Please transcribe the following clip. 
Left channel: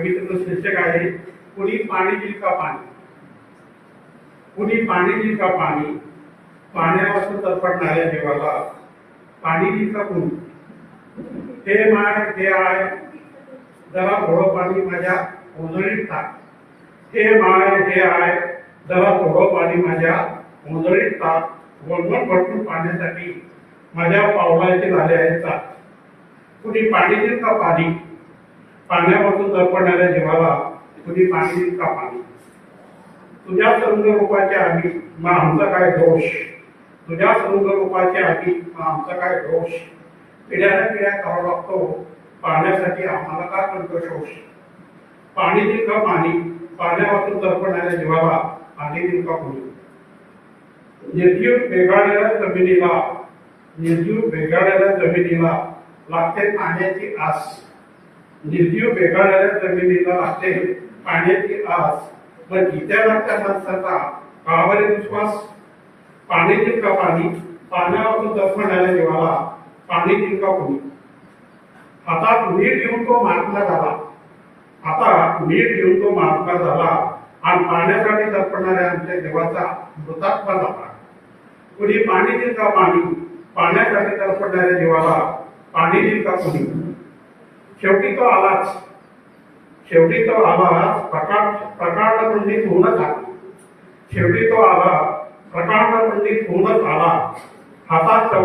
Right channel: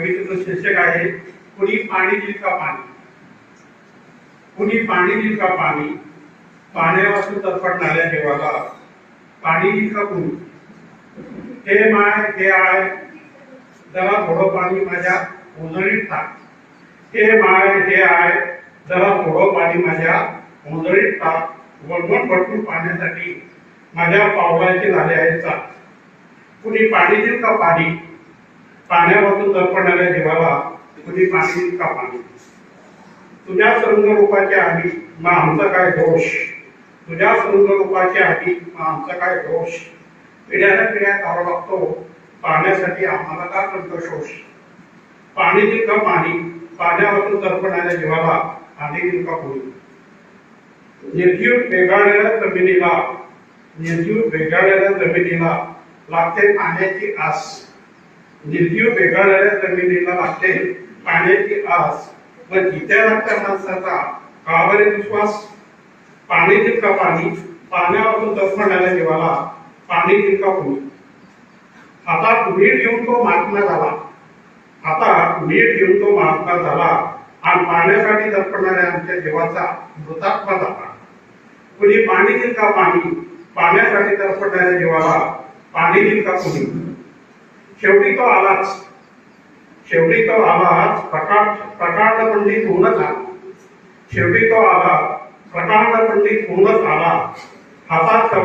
कवितेचं शीर्षक आहे कुणी पाणी दिल का पाणी. कुणी पाणी दिल का पाणी, पाण्यापासून तडफडणाऱ्या जीवाला पाणी दिल का कुणी. हे माय हे आहे, जरा थोडं पाणी माझ्या उजळीत टाक. हे माय हे आहे, जरा थोडं पाणी माझ्या उजळीत टाक. वळवण भरपूर पाण्यासाठी माझ्या पावलाचे झाले आहेत चाक. कुणी पाणी दिल का पाणी, पाण्यापासून तडफडणाऱ्या जीवाला कुणी पाणी दिल का पाणी. तुझ्या रंगरूपाच्या आधी मग आमचा काय दोष. तुझ्या रंगरूपाच्या आधी मग आमचा काय दोष. पिढ्याला पिढ्या करावा लागतो पाण्यासाठी आम्हाला का कंठशोष. पाणी दिल का पाणी, पाण्यापासून तडफडणाऱ्या जीवाला पाणी दिल का कोणी. निर्जीव वेगाळलेल्या जमिनीला, निर्जीव वेगाळलेल्या जमिनीला लागते पाण्याची आस. निर्जीव वेगाळलेल्या जमिनीला लागते पाण्याची आस. पण इथे लागत्या माणसाचा का बरे विश्वास. पाणी दिल का पाणी, पाण्यापासून तडफडणाऱ्या जीवाला पाणी दिल का कोणी. हातात मीठ घेऊन तो महात्मा झाला. आता मीठ घेऊन तो महात्मा झाला आणि पाण्यासाठी तडफडणाऱ्या आमच्या जीवाचा मृतात्मा झाला. कुणी पाणी दिल का पाणी, पाण्यासाठी तडफडणाऱ्या जीवाला पाणी दिल का कोणी. शेवटी तो आलाच, शेवटी तो आलाच, प्रकांड पंडित होऊनच आला. शेवटी तो आला, प्रकांड पंडित होऊनच आला. हातात